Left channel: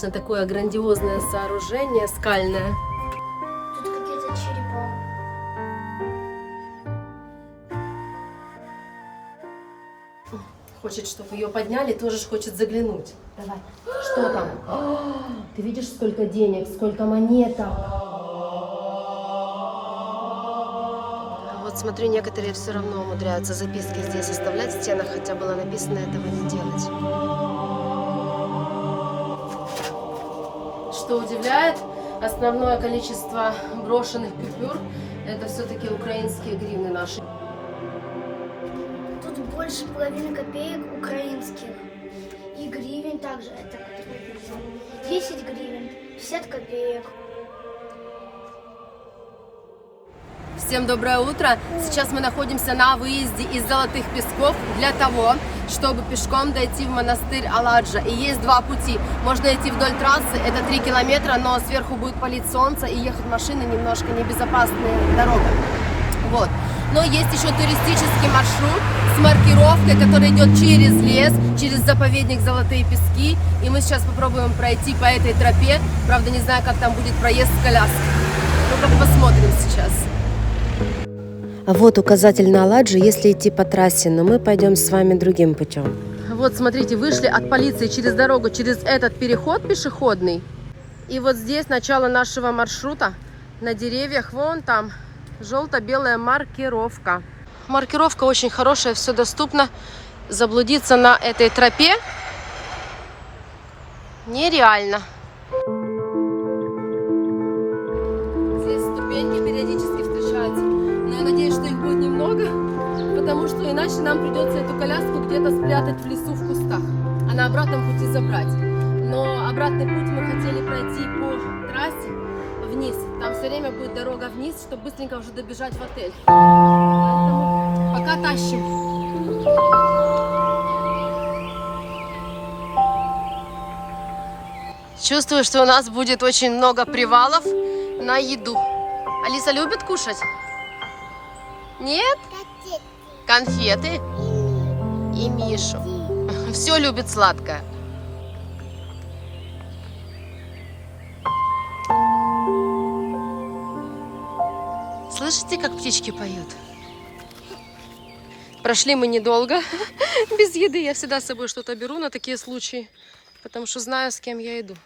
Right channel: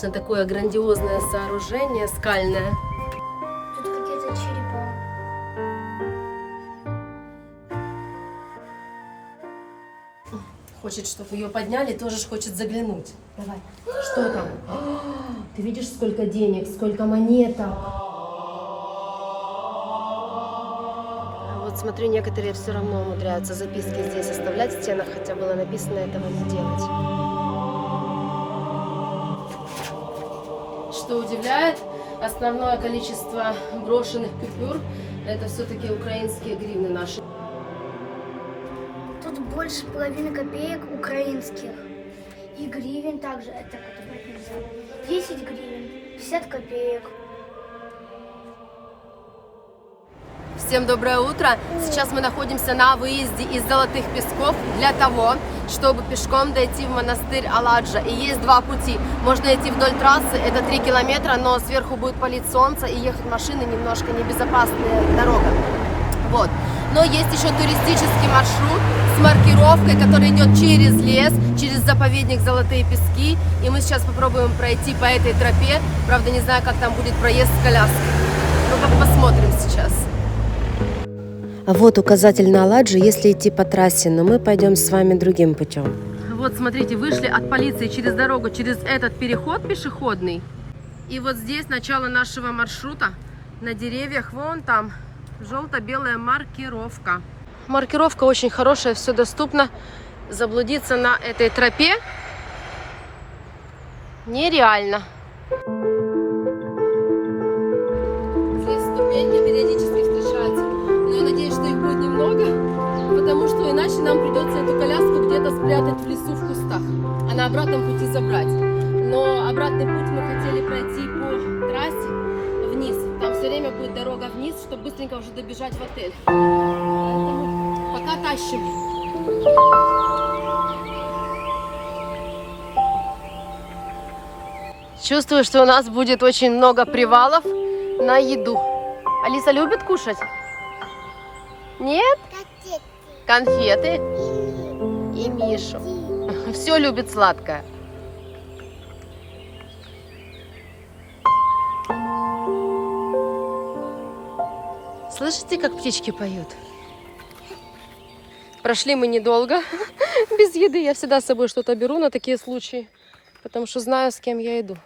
конечно, такое грандиозное сооружение скальное. Тут какие-то черепа. Хочет, чтобы ее подняли, тоже ж хочет заглянуть. Давай. Что там? О, ты видишь, сколько денег, сколько монеток. Вот смотрю, некоторые все равно умудряются записки здесь оставлять в стенах, хотя было написано этого не делать. Что удивляет, основное количество брошенных купюр – это все-таки украинские гривны наши. Тут больше половины копеек украинских. И гривен также. Это как брать нельзя. 10 гривен, 50 копеек. Всем доброе утро! Сейчас мы находимся на выезде из Золотых Песков для того, чтобы пешком дойти в монастырь Аладжа. И есть два пути. Можно идти вдоль трассы, это 3 километра, но сверху будет палить солнце и ехать машины немножко небезопасная дорога. Вот. Но есть еще туристический маршрут с маркировкой, который идет через лес, через заповедник Золотые Пески. И мы сейчас попробуем пройти по этой тропе. Правда, не знаю, как там будет проезд с коляской. Ну, посмотрим сейчас. А вот указатель на Аладжу, если идти по трассе, но мы пойдем с вами другим путем. Вот, смотрите, вышли от полиции через дорогу, через этот переход пешеходный. И вот здесь начало нашего маршрута. На деревьях, вон там, желто-белая маркировка. Маркировка очень хорошая, все доступно. Заблудиться на этой тропе нереально. Здесь ступеньки периодически встречаются. Но я надеюсь, что их будет немного, потому что иначе нам придется эту коляску где-то спрятать в лесу в кустах, а на обратном пути забрать. Но обратный путь мы хотели пройти по трассе вниз. Там все время будет дорога вниз, чтобы быстренько уже добежать в отель. Поэтому пока тащим. Чувствую, что у нас будет очень много привалов на еду. Алиса любит кушать? Нет? Конфеты. И Мишу. Все любит сладкое. Слышите, как птички поют? Прошли мы недолго. Без еды я всегда с собой что-то беру на такие случаи, потому что знаю, с кем я иду.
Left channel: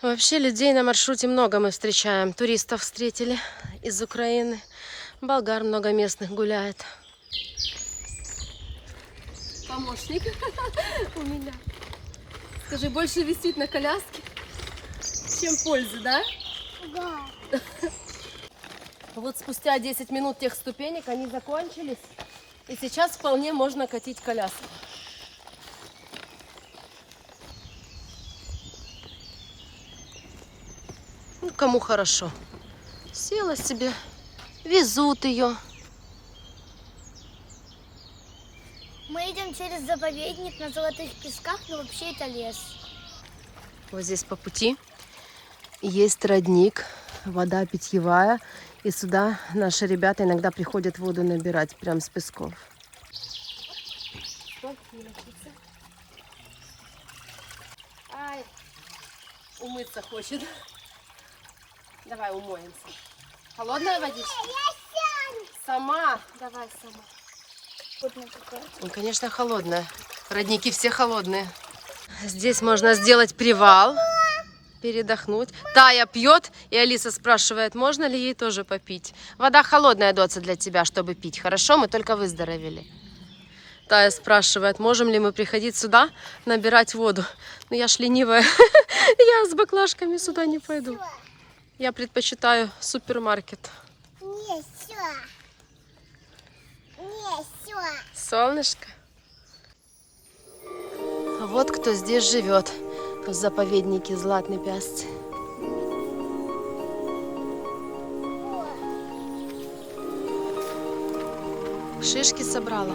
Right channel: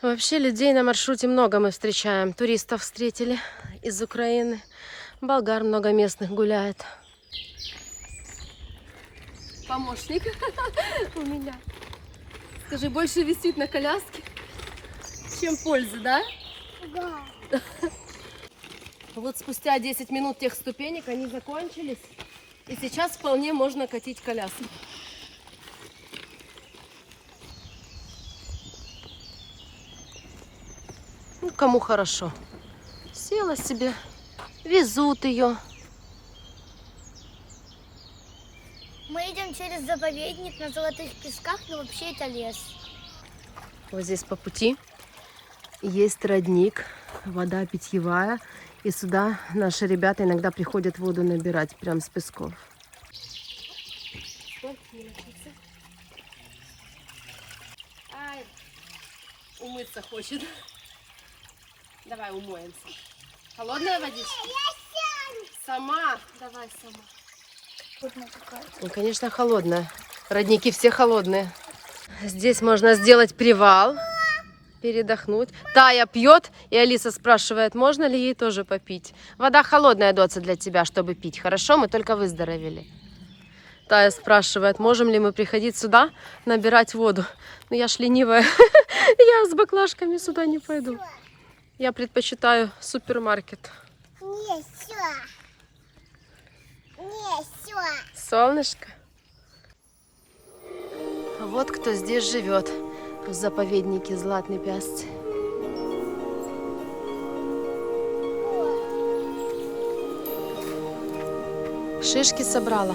Вообще людей на маршруте много мы встречаем. Туристов встретили из Украины. Болгар много местных гуляет. Помощник у меня. Скажи, больше висит на коляске, чем пользы, да? Да. Вот спустя 10 минут тех ступенек они закончились. И сейчас вполне можно катить коляску. Ну, кому хорошо. Села себе, везут ее. Мы идем через заповедник на Золотых Песках, но вообще это лес. Вот здесь по пути есть родник, вода питьевая. И сюда наши ребята иногда приходят воду набирать прямо с песков. Ай, умыться хочет. Давай умоемся. Холодная водичка? Сама. Давай сама. Ну, конечно, холодная. Родники все холодные. Здесь можно сделать привал, передохнуть. Тая пьет, и Алиса спрашивает, можно ли ей тоже попить. Вода холодная, Доца, для тебя, чтобы пить. Хорошо, мы только выздоровели. Тая спрашивает, можем ли мы приходить сюда, набирать воду. Ну, я ж ленивая. Я с баклажками сюда не пойду. Я предпочитаю супермаркет. Не, все. Не, все. Солнышко. Вот кто здесь живет, в заповеднике Златный Пясці. Шишки собрала.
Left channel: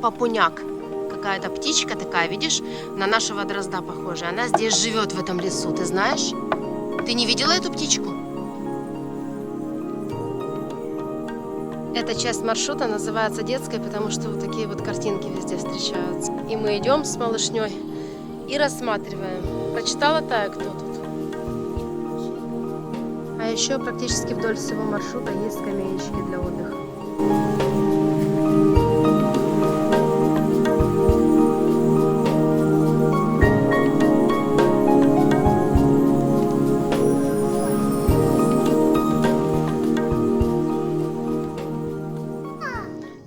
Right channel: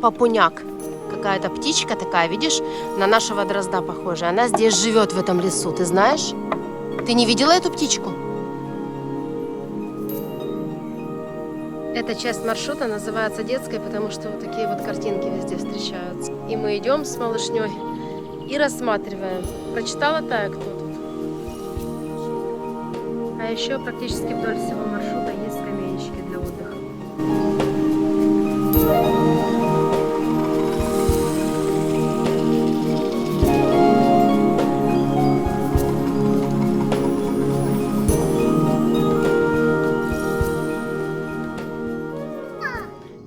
Папуняк. Какая-то птичка такая, видишь, на нашего дрозда похожая. Она здесь живет, в этом лесу, ты знаешь? Ты не видела эту птичку? Эта часть маршрута называется детской, потому что вот такие вот картинки везде встречаются. И мы идем с малышней и рассматриваем. Прочитала Тая, кто тут? А еще практически вдоль всего маршрута есть скамеечки для отдыха.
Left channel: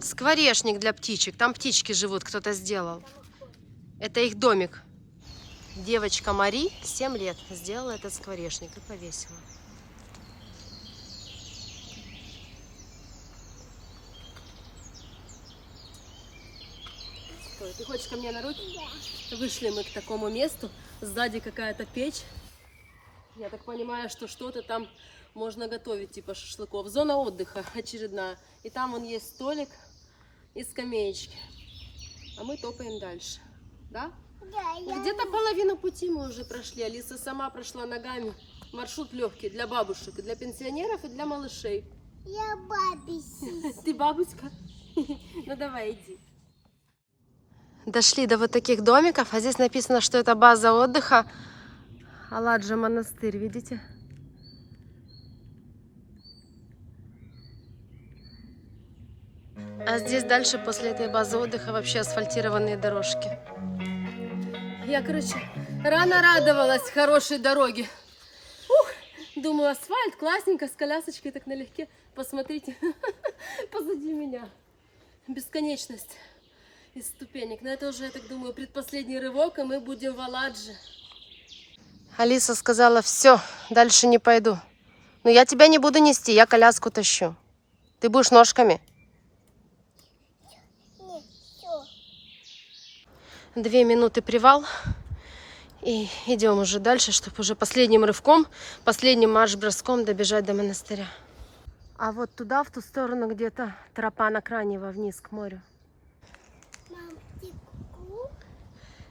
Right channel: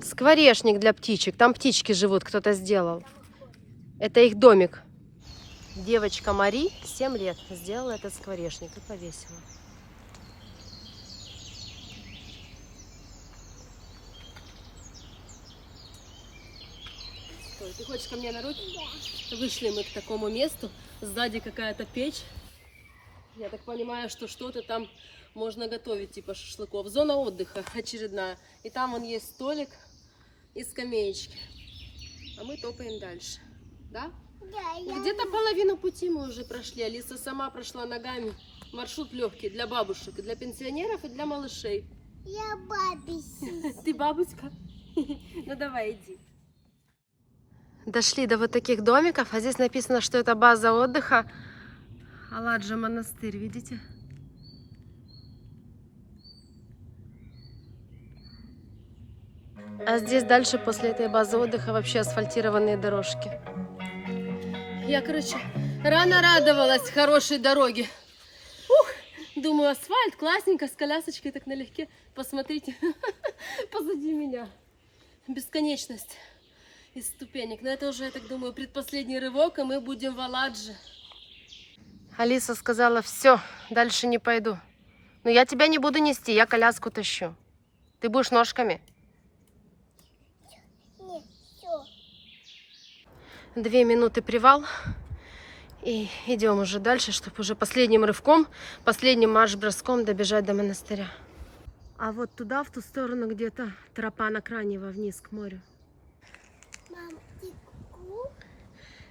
Скворечник для птичек. Там птички живут, кто-то сделал. Это их домик. Девочка Мари, 7 лет, сделала этот скворечник и повесила. Стой, ты хочешь ко мне на руки? Да. Вышли мы к такому месту. Сзади какая-то печь. Я так понимаю, что что-то там можно готовить, типа шашлыков. Зона отдыха очередная. И там вон есть столик и скамеечки. А мы топаем дальше. Да? Да. Где-то половину пути мы уже прошли. Алиса сама прошла ногами. Маршрут легкий для бабушек, и для пенсионеров, и для малышей. Я бабуся. Ты бабушка? Ну давай, иди. Дошли до вот таких домиков, а здесь написано, что это база отдыха. Аладжа монастырь, видите? А здесь дальше, после этой базы отдыха, вообще асфальтированные дорожки. Я, короче, рано радовалась хорошей дороге. Ух, думаю, асфальт, классненько, с колясочкой так налегке. Посмотрите, позади меня бесконечность из ступенек. Но это уже, я так думаю, предпоследний рывок, и мы будем в Аладже. Алиса сказала, все, дальше не пойду. Но я тебя не буду нести, я коляску тащу. Ты будешь ножками? Нет, все. 2 минуты привал. И идем уже дальше, чтобы уже последним рывком, последним марш-броском добежать до монастыря. А вот туда, в ту сторону, где-то тропа накранива вниз к морю. Мам, ты ку-ку?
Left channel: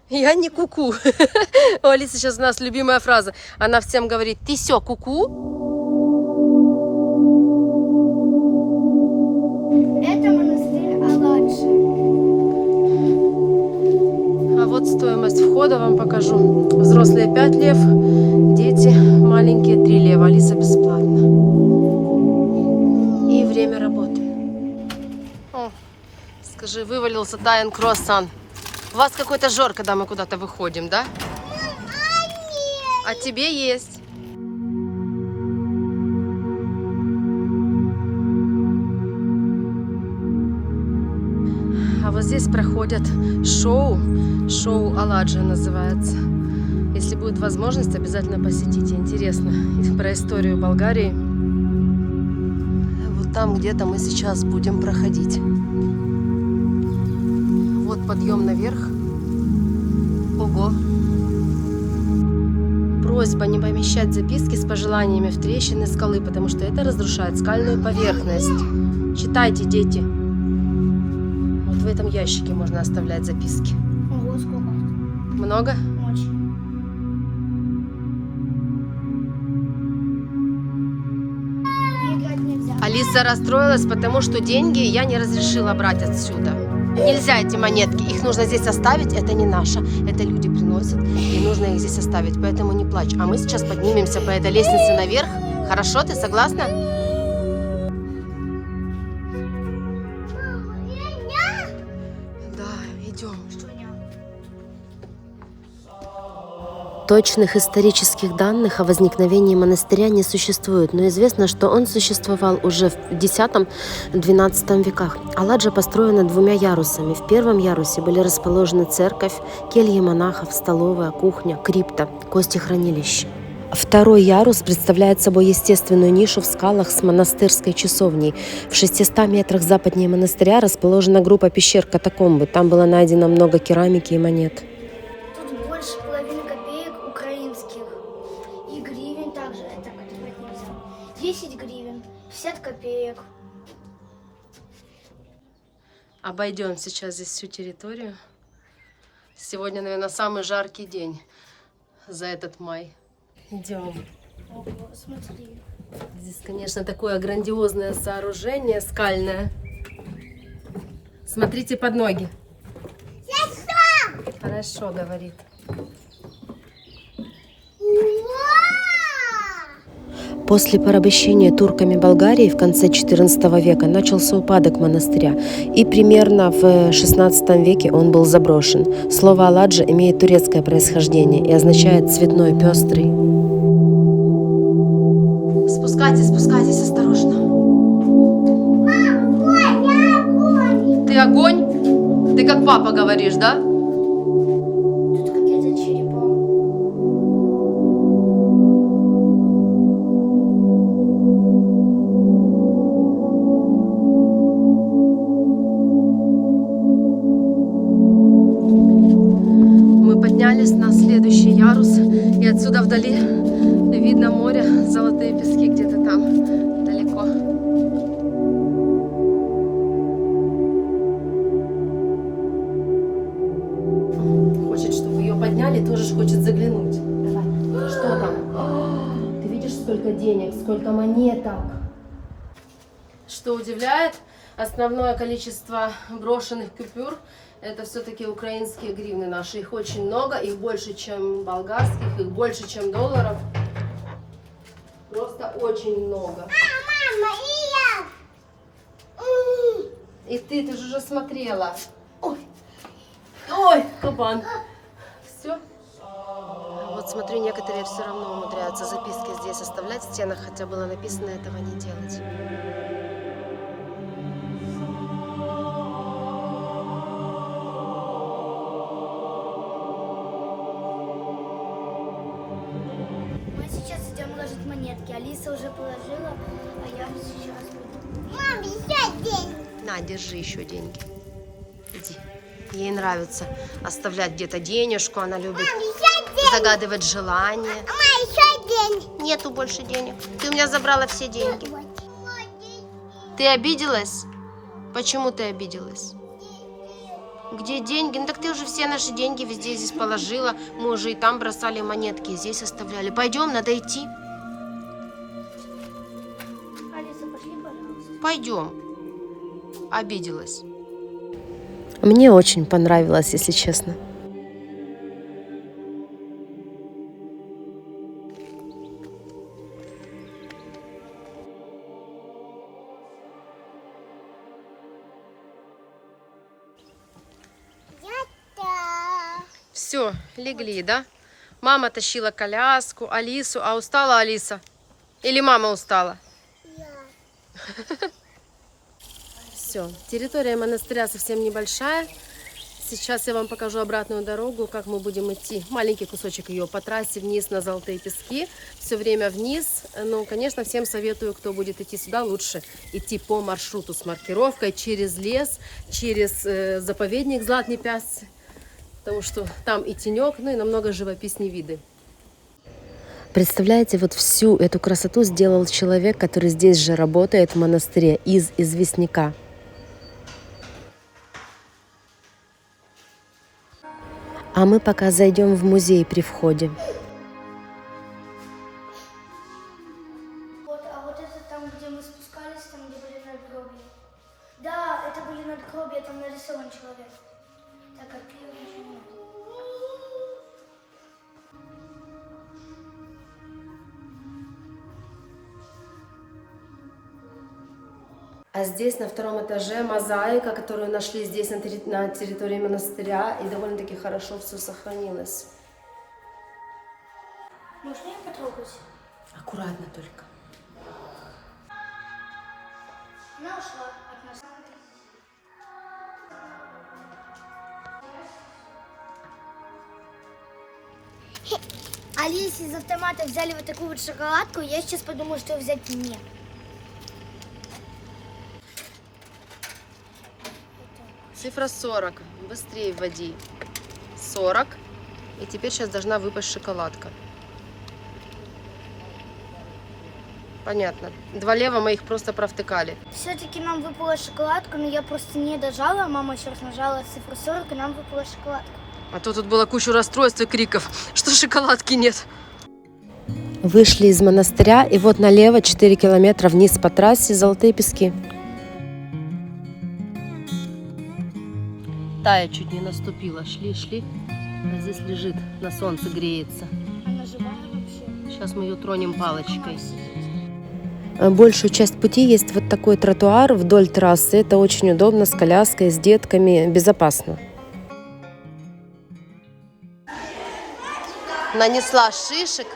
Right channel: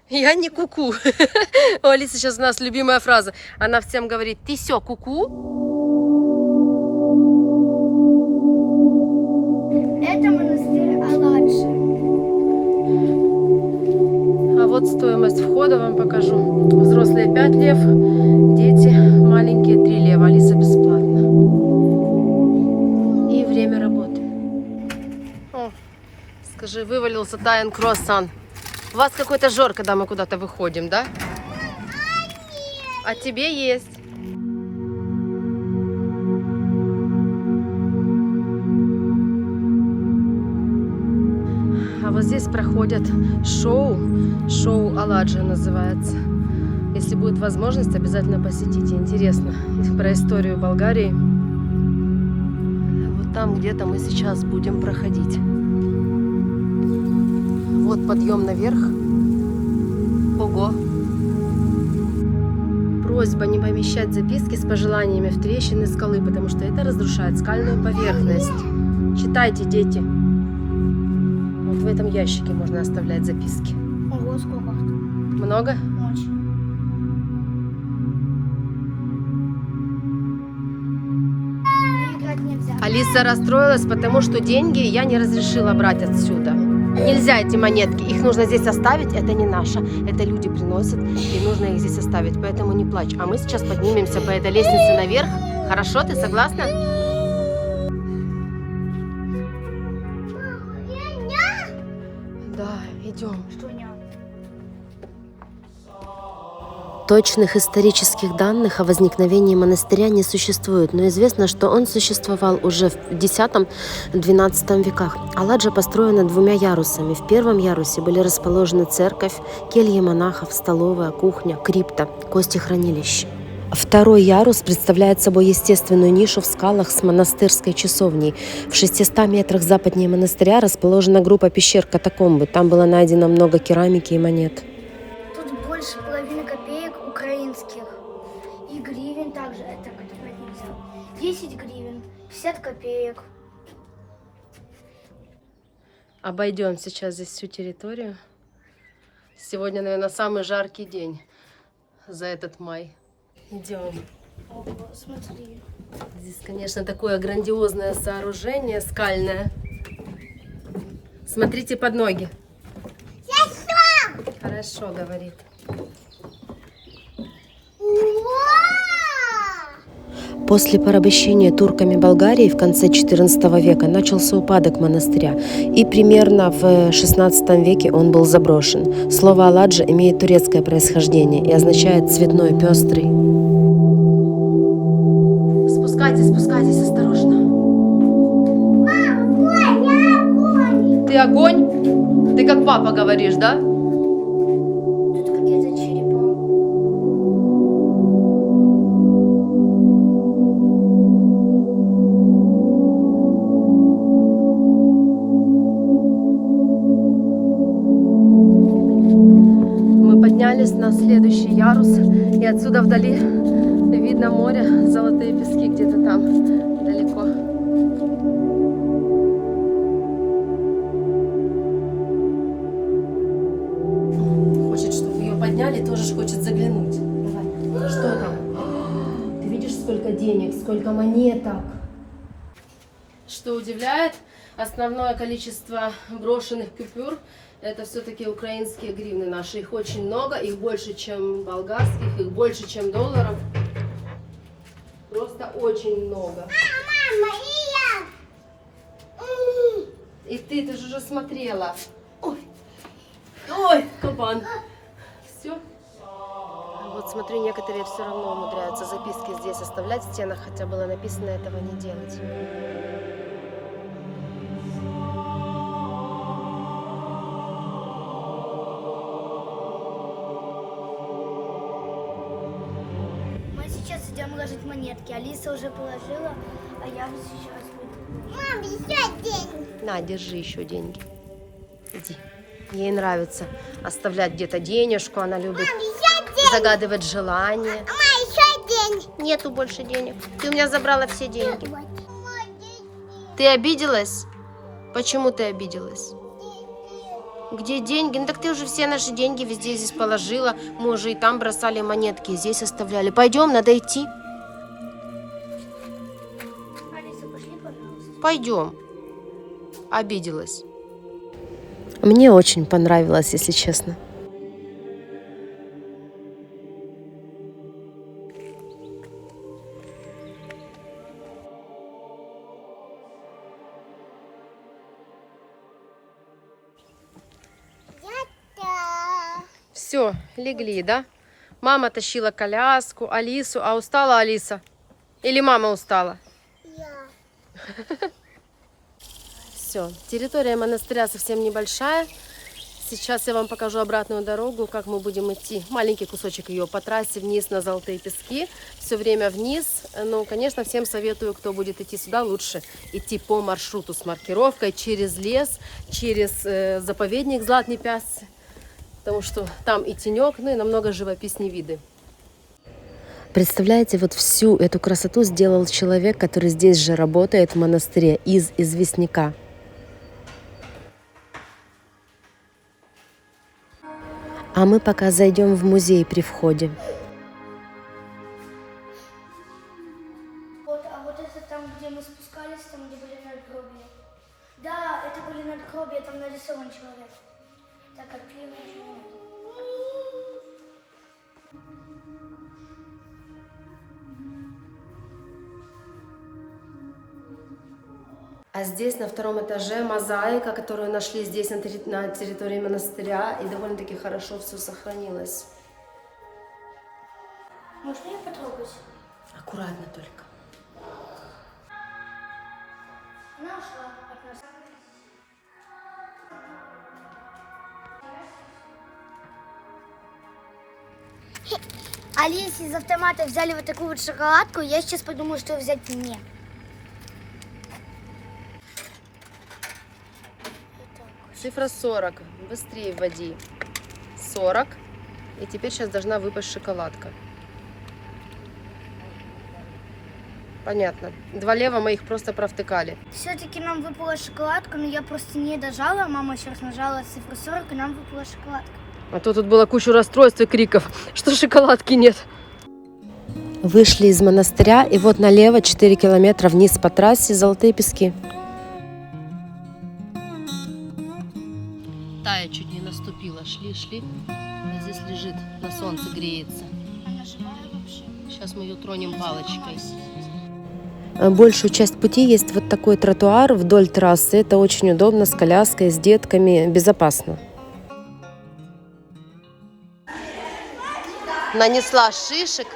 Я не куку. У Алисы сейчас у нас любимая фраза. Она всем говорит, ты сё, куку? Это монастырь Аладжи. А вот стоимость входа вам покажу. Взрослые 5 лев, дети маленькие 3 лева. Алиса бесплатно. И время работы. О, скажи, вывалился Таян круассан. У вас какой-то жор, когда мы куда-то выходим, да? А тебе есть. А вот здесь проходят шоу Аладжа называется. Если будет возможность, обязательно посетите. Интересно про историю Болгарии. Вот там где-то мы сейчас будем проходить. Вот подъем наверх. Ого! Просьба не помещать записки с пожеланиями в трещины скалы, потому что это разрушает скальную поверхность. Читайте, дети. Вот в этом ящике можно оставлять записки. Ого, сколько? Много? Очень. Играть нельзя. Алиса расстроилась, потому что деньги я не разрешила брать отсюда. Нельзя эти монетки, их нужно здесь оставить, это не наше. Это люди приносят, и нужно их здесь оставить, поэтому не плачь. А мы сейчас поднимемся по этой лестнице наверх. Хорошо, ты согласна? Да, идем. Точных исторических данных о возникновении монастыря не существует, но известно, что он существовал уже в X-XII веках. Аладжа построена 2 ярусами. В первом ярусе были расположены церковь, кельи монахов, столовая, кухня, крипта, костехранилище. Второй ярус представляет собой естественную нишу в скалах с монастырской часовней. В 600 метрах западнее монастыря расположена группа пещер-катакомбы. Там было найдено много керамики и монет. Тут больше половины копеек украинских. И гривен также. Это брать нельзя. 10 гривен, 50 копеек. Обойдем сейчас здесь всю территорию. Сегодня, наверное, самый жаркий день за этот май. Идем. Ого, смотри. Здесь, конечно, такое грандиозное сооружение скальное. Смотрите под ноги. Хорошо, говорит. После порабощения турками Болгарии в конце XIV века начался упадок монастыря, и примерно в XVI веке он был заброшен. Слово «Аладжа» имеет турецкое происхождение и означает «цветной, пестрый». Спускайтесь, спускайтесь, осторожно. Ты огонь? Ты как папа говоришь, да? Тут какие-то черепа. Мы поднялись на следующий ярус, и отсюда вдали видно море, золотые пески где-то там далеко. Хочет, чтобы ее подняли, тоже хочет заглянуть. Давай. Что там? О, ты видишь, сколько денег, сколько монеток. Что удивляет, основное количество брошенных купюр — это все-таки украинские гривны наши. Их очень много, их больше, чем болгарских, их больше, чем долларов. Просто очень много. Мама, и я! И ты же уже смотрела. Ой, ой, кабан. Все. Вот смотрю, некоторые все равно умудряются записки здесь оставлять в стенах, хотя было написано этого не делать. Мы сейчас идем ложить монетки. Алиса уже положила, а я сейчас буду. Мам, еще деньги. На, держи еще деньги. Иди. Ей нравится оставлять где-то денежку, она любит загадывать желания. Мама, еще деньги. Нету больше денег. Ты у меня забрала все деньги. Ты обиделась? Почему ты обиделась? Где деньги? Ну так ты уже все наши деньги везде здесь положила. Мы уже и там бросали монетки, и здесь оставляли. Пойдем, надо идти. Алиса, пошли, пожалуйста. Пойдем. Обиделась. Мне очень понравилось, если честно. Все, легли, да? Мама тащила коляску, Алису. А устала Алиса? Или мама устала? Я. Все, территория монастыря совсем небольшая. Сейчас я вам покажу обратную дорогу, как мы будем идти. Маленький кусочек ее по трассе вниз на Золотые пески. Все время вниз. Ну, конечно, всем советую, кто будет идти сюда, лучше идти по маршруту с маркировкой через лес, через заповедник Златні Пясці. Потому что там и тенек, ну и намного живописнее виды. Представляете, вот всю эту красоту сделал человек, который здесь же работает в монастыре, из известняка. А мы пока зайдем в музей при входе. Вот, а вот это там, где мы спускались, там, где были надгробия. Да, это были надгробия, там нарисован человек. Так, как пиво ничего нет. А здесь на втором этаже мозаика, которую нашли здесь на территории монастыря, и довольно-таки хорошо все сохранилось. Можешь меня потрогать? Аккуратно только. Она ушла от нас. Алисе из автомата взяли вот такую вот шоколадку, я сейчас подумала, что взять мне. Цифра 40. Быстрее вводи. 40. И теперь сейчас должна выпасть шоколадка. Понятно. Два лева мы их просто провтыкали. Все-таки нам выпала шоколадка, но я просто не дожала. Мама сейчас нажала цифру 40, и нам выпала шоколадка. А то тут было кучу расстройств и криков, что шоколадки нет. Вышли из монастыря, и вот налево 4 километра вниз по трассе Золотые Пески. Тая чуть не наступила. Шли. А здесь лежит, на солнце греется. Сейчас мы ее тронем палочкой. Большую часть пути есть вот такой тротуар вдоль трассы. Это очень удобно, с коляской, с детками, безопасно. Нанесла шишек.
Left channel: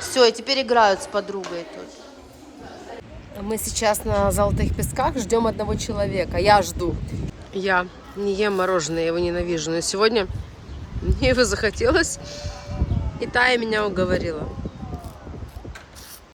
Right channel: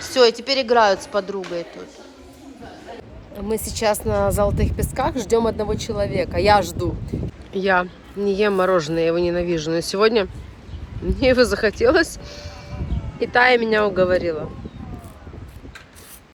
Все, и теперь играют с подругой тут. Мы сейчас на Золотых Песках ждем одного человека. Я жду. Я не ем мороженое, я его ненавижу. Но сегодня мне его захотелось, и Тая меня уговорила.